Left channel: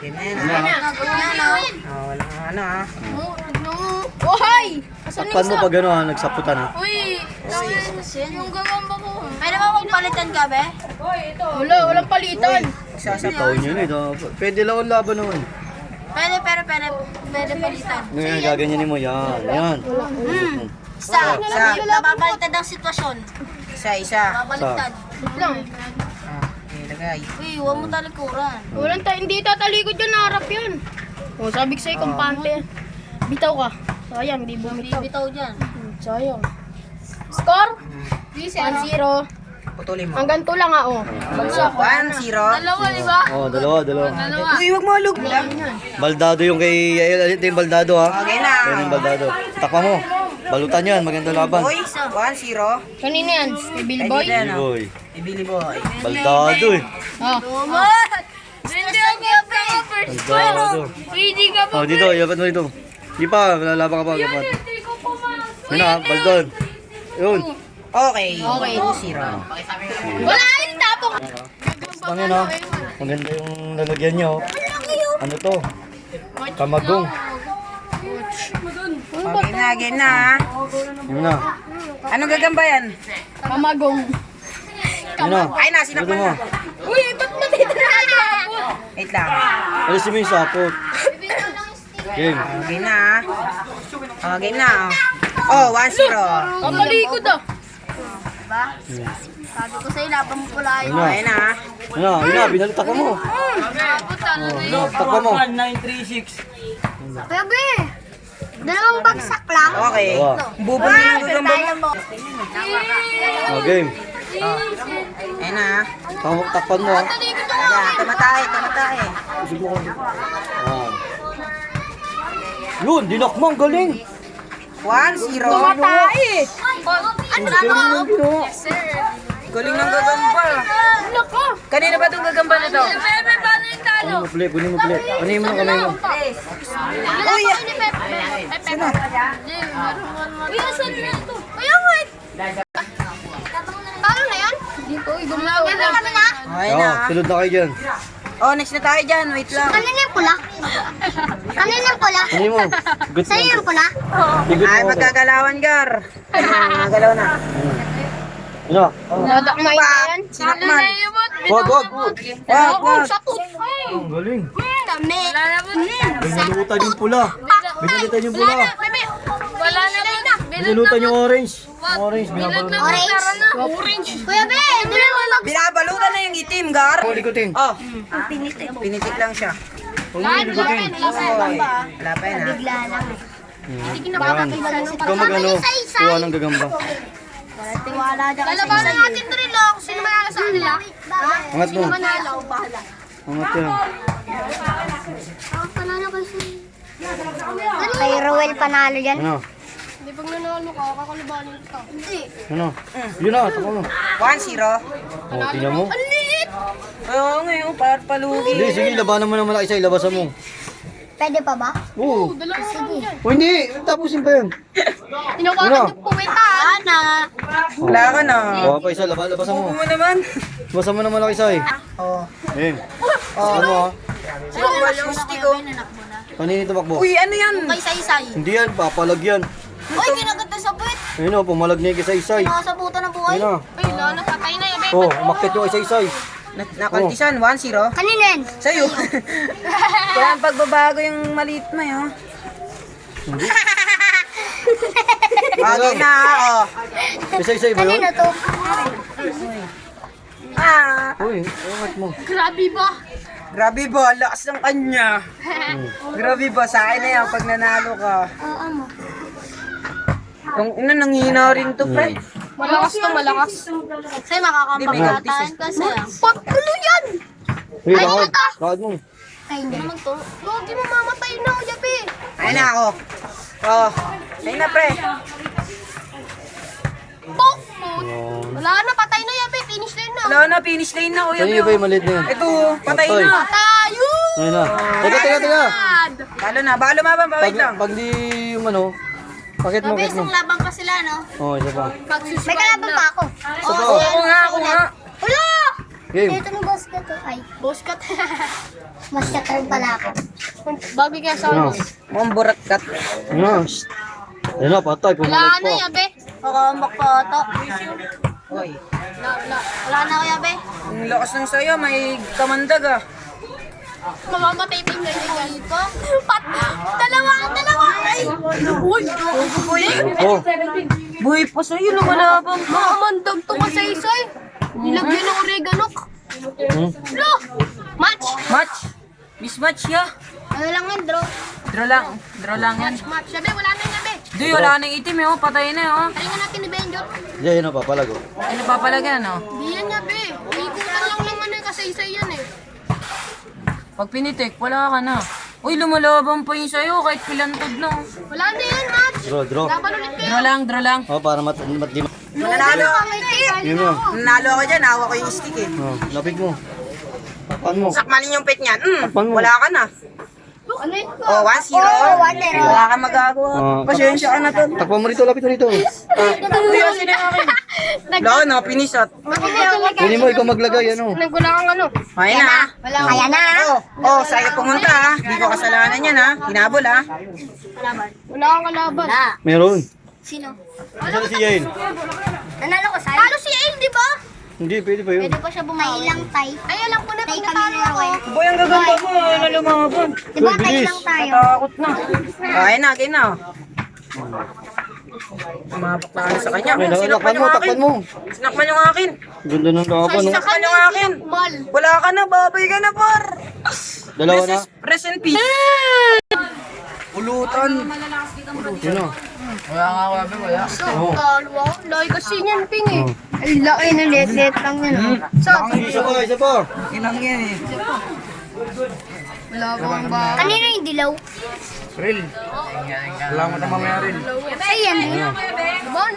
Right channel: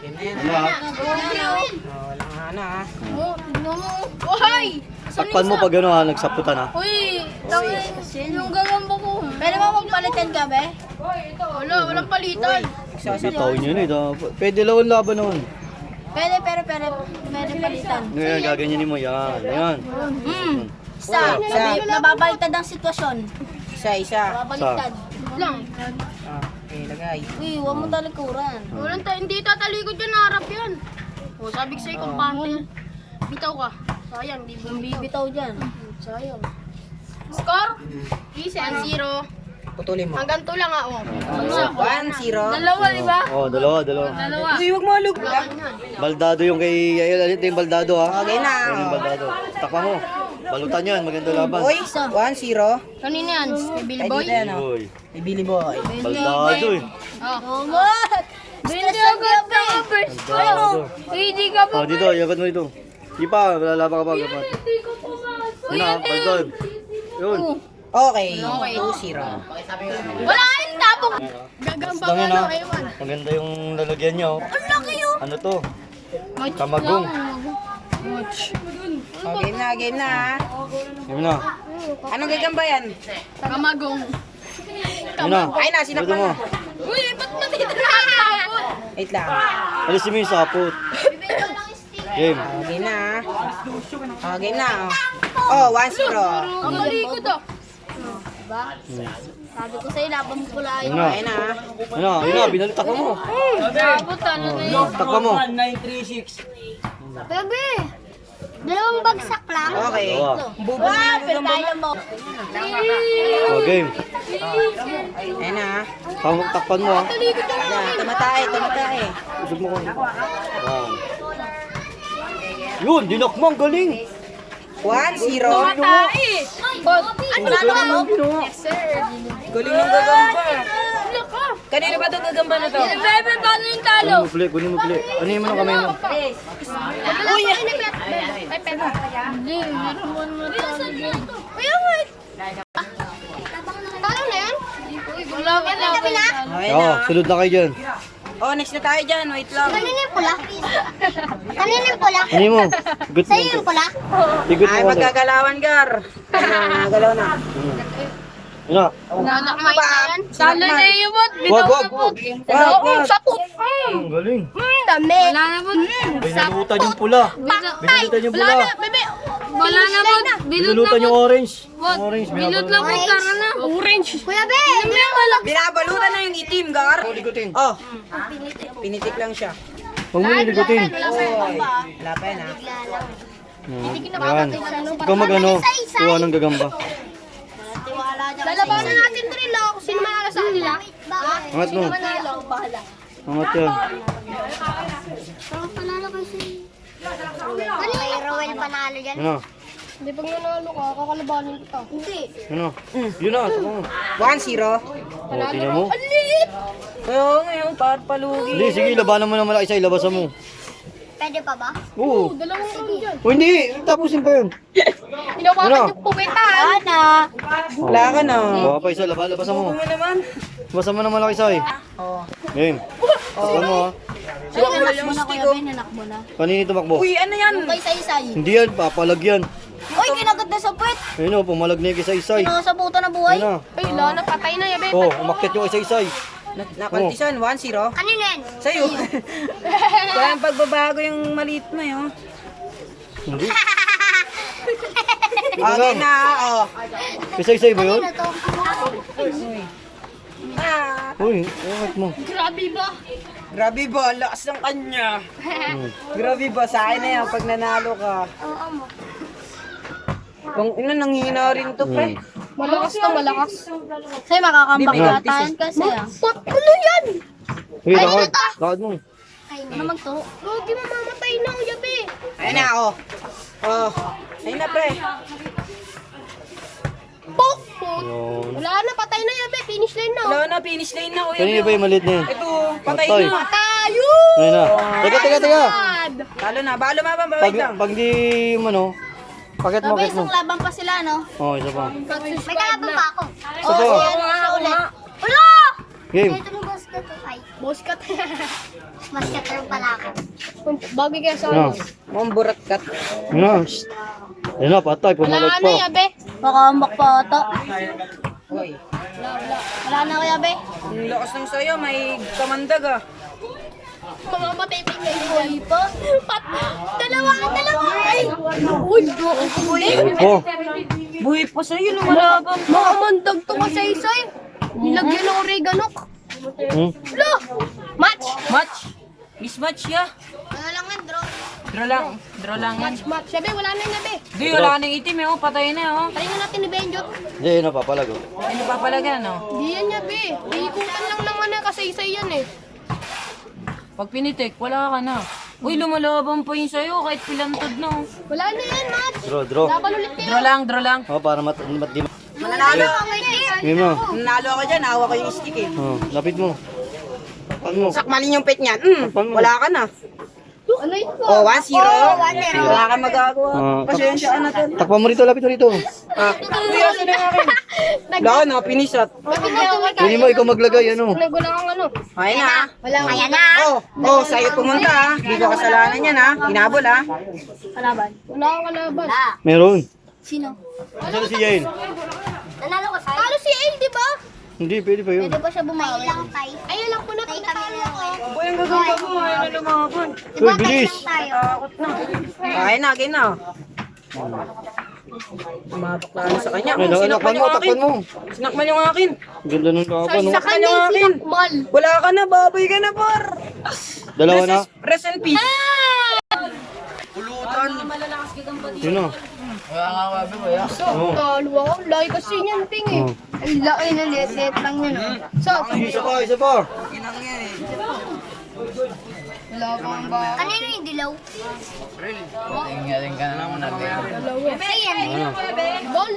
Game na yan, Ano ha? Walang ano, ha? Ohay! Takpan mo pag ano ha, nagsaputan ha. Uy! Yung gagamba ko. Pwede ba magpalitan ka, be? Wala, walang palitan. Tawin yun eh. Pwede lawan laban naman. Pwede palitan. Ano yan, gaganyanin mo. Yan, yan. Nababaliktad ang sitwasyon. Isa. Nababaliktad. Lang. Ilagay. Uy, huwag mo talikuran. Hindi tatalikod yan, harap yan. O, sabi ko sa'yo, kumpante. Bitaw ka. Sayang, di bumibitaw. Bitaw dyan. Sayang. Score? 1-0. Putulin mo. Hanggang 2 lang ako. Bagsak. 1-0. Dalawa, di ba? Oh, dalawa. Dalawa. Uy, huwag mo alug. Baldado yung kay... Ayun, ito yung baldado ha. Okay na. Yan yung baldado. Takpan mo. Balutan yan, maganda laban. Uy, 1-0. Kanina yan? Kay Billy Ay, Boy? dito yan, ha? Boy. Ibili boy. Baldado eh. Oh. Hindi ako first. Baldado. Hindi ka Oh, dito, yapat mo dito. Di pa, lalaban ka pa. Yapat. Hindi ko pumasok. Yun na, baldon. Yun. Okay. Okay. 2-0. Wala yung tapong. Basta yun ha. Maganda yung lalagyan niya oh. Ano to? Kamagong. Okay na, game na, ha? Yun na. Anong gagamba yan? Kamagong. Yun na. Ay na, sinakpan mo. na. Uy, ba't mo dito nakakapot? Wait lang. Alisin mo yung sapot. Game. Game na, ha? Game na, oh. 1-0. Ang malikod ah. Diba? Sabi ko sa'yo, laban mo pala Yun yun. na. Okay na, ha? Yun na, binalik takpan mo. Kapot ano na yun. Takpan mo. Kuya, be! Dalawang bagsak lang. Okay. Dalawa. Bubong na ng gagamba mo. Oh, game. Ayun na, ha? Takpan mo ha. Talikod yung Yan, tumatay. Usog mo ko. Yan. Yun, dinakma, ang galing. 1-0. Ano ba? Galing yung ginawa. Galing ng gagamba. Ano ka? Kanina ba itong gagamba na to? Bebe, paano yung talo? Kunin mo pala. Ano mo ng kamay mo? Uy! Pepe. Hindi naman saan na ito? Kuya, wait! Talo na yan? Uy, gumalaw ka lang. Okay na, Oo, ha? sunod na kayo dyan. Oh, next na tayo dyan. Wait lang. Kanina yung pula. Kanina yung pula. Ano mo? Good mo. Sa'yo yung pula. Igot Ay, mo kasi. magkagalawan, Gar. Ayun na, magagalaw na. Yun na. Nadakmay na yan. Sinakman. Wag. Wag. Sakot! Ang galing. Dami. Wala na po. Binalutan yung pula. Binalutan yung pula. Bebe, wala na po. Binalutan yung orange. Yung orange, binabalutan. Orange. Kuya, be! Binabalutan na yung itim, Gar. Huwag likutin. Oh, pinitik lang siya. Huwag mo likutin. Oy, wala pa yan, ha? Yan. Ikaw mag-ano, kuha ng gagamba. Tiwala dyan. Lalabanan natin to rin kung sino manalo sa kanila. Angat mo. Manalo, bahala. Angat yan. Panalo kasi. Kay Rowel panalo yan. Ano? Hindi pag nanalo ka, kakalabanin kita. Hindi. Ano? Yun na, takbo mo. 1-0. O, tingnan mo. Ang liit! Oo, ngayon, palugi. Hindi, sige, labanan mo ng malaki isa, ilabasan mo. Pwede pa ba? Oo. Dalawa ka dyan. O, hindi, tapusin pa yun. Inukakat yung puwitan. Ana! Wala ka na. Kuha pa isa, labasan mo. Bubo mo naman. Labasan mo ng malaki isa eh. Oh. Game. Takpan mo ha. Sino ba yung stick, oh? Kanini tumakbo? Uy, ano yan? Kay Saysay. Hindi yan, papalag yan. Uy, kinagat na sa puwet. Ayun o, pumalag na yung isa-isay. Sa buta ng buhay. Ayun na. Ay, lalo, patay na yan. Oh, umakit yung isa-isay. Nakaltisan, 1-0. Kanino yan? Sa'yo. Kaya ang pagbabago yung maliit mo, eh, oh. Hindi. Okay na, oh. Isa-isay ba yun? Kanino to? Ah, Uy, umakit mo. Grabe ba? grabe ba, lakas ng kanya. Grabe ba, sa akin na yan pag nanalo ka. Oo mo. Yung ina, nanghina rin to, pre. Malakas to, malakas. Sa'yo makakambagatan kasi. Patulo yan! Uy, lakad. Lakad mo. Ay, hindi naman to. Huwag mamamatay na ako, Yabi. Ayun na ako. Oh, ayun na, pre. Pok! Ayun. Wala na, patay na, Yabi. Finish line na. Wala na, finish line na, kuya. Kanina ba yung maliit na yun? Ito, patay Patay. na. Tayo! Ayun na. Teka. Talo na, balo mabang, bawait lang. Pag di yung ano, pakit mo, pakit mo. Isang laban pa sila, no? Oh, isa pa. May Pag-subscribe kalaban na. pa ako. Isa pa. Ako nga. Ulo! Game. Dito ni boss ko to. Ay. Boss cut. Mas katrol pala ako. Bagay kaya sa Ano? ulo. Mukhang burat kat. Ano? Shh. Yan na, patay. Wala Pumalag na, pa. yabe. Makambak po ito. Hoy. Wala na ako yabe. Ang lakas ng sayo, may kamandag ah. Mamamatay pa yung ganyan pa. Dalawa! Ay! Uy! Oh, Buhay pa sa'yo, lumalaban pa. Makamandag to kasay-say. Nilagyan ng oregano. hmm? Lo! Match! Match. Mismatch ya. Ano lang yun, draw. Draw lang yan. Match! Yabe, wala na yung yabe. Di, wala nang itim eh, oh. Patay na oh. Try na natin ni Benjo. Hindi, yun na, papalag. Oh. Ano papalagyan oh. Di yan yabe. Ikutan lang naman yung kasay-say yan eh. Pag pinitik, wala ka na. Uy, lumalaban pa yun sa'yo kahit pilantod na. Oh. Wala na yan, Match! Draw. Laban ulit kayo. Draw lang. Oh, para di Mananalo. Yun mo. Nanalo ako dyan, hawa ko yung stick eh. Oh, lapit mo. Takpan mo. Sakmanin yung pet niyan. Takpan mo. Wala ka na. Ano yun? Oh, 1-0. Wala kang magagawa. Ah, Pasensya ka na to. Takpan mo rito, lapit mo rito. Kuya, sino yung akin? Wala ka na, pinisat. Pwede mo, ikaw maglagay, ano. Wala kang ano. Kaya na. Kaya na. Oh, sa'yo pumunta ha. Hindi ko kasalanan yan ha. Hinabol ha. Kalaban. Wala kang kalaban. Meron. Sino? Saan si Yael? Nanalo ko sa'yo. Talo si El, di ba? Hindi, pwede pa yun. Pwede ba siya bumawi? May ilang tay. Ay, alam ko na pag natalo ako. Boy, ang gagamba mo. Ayun na lumabon. Uy, bilis. Tayo. Takot na. Kaya na. Mabak na sa kanya. Ay, takpan mo. Sinakman yung akin. Ganda ng laban, no? Sinakman yung akin. Mal. Wala ka na, babay ka na par. Dalawa na. Rest in peace. Yun na. Oh. Talo ako. Laki kasi niyan, Ping eh. Ay, laki na let lang yan. So, Isa pa. wala pa ang ba? Kanino yung dilaw? Wala mo na mangyari. Ayan. Diba? Ang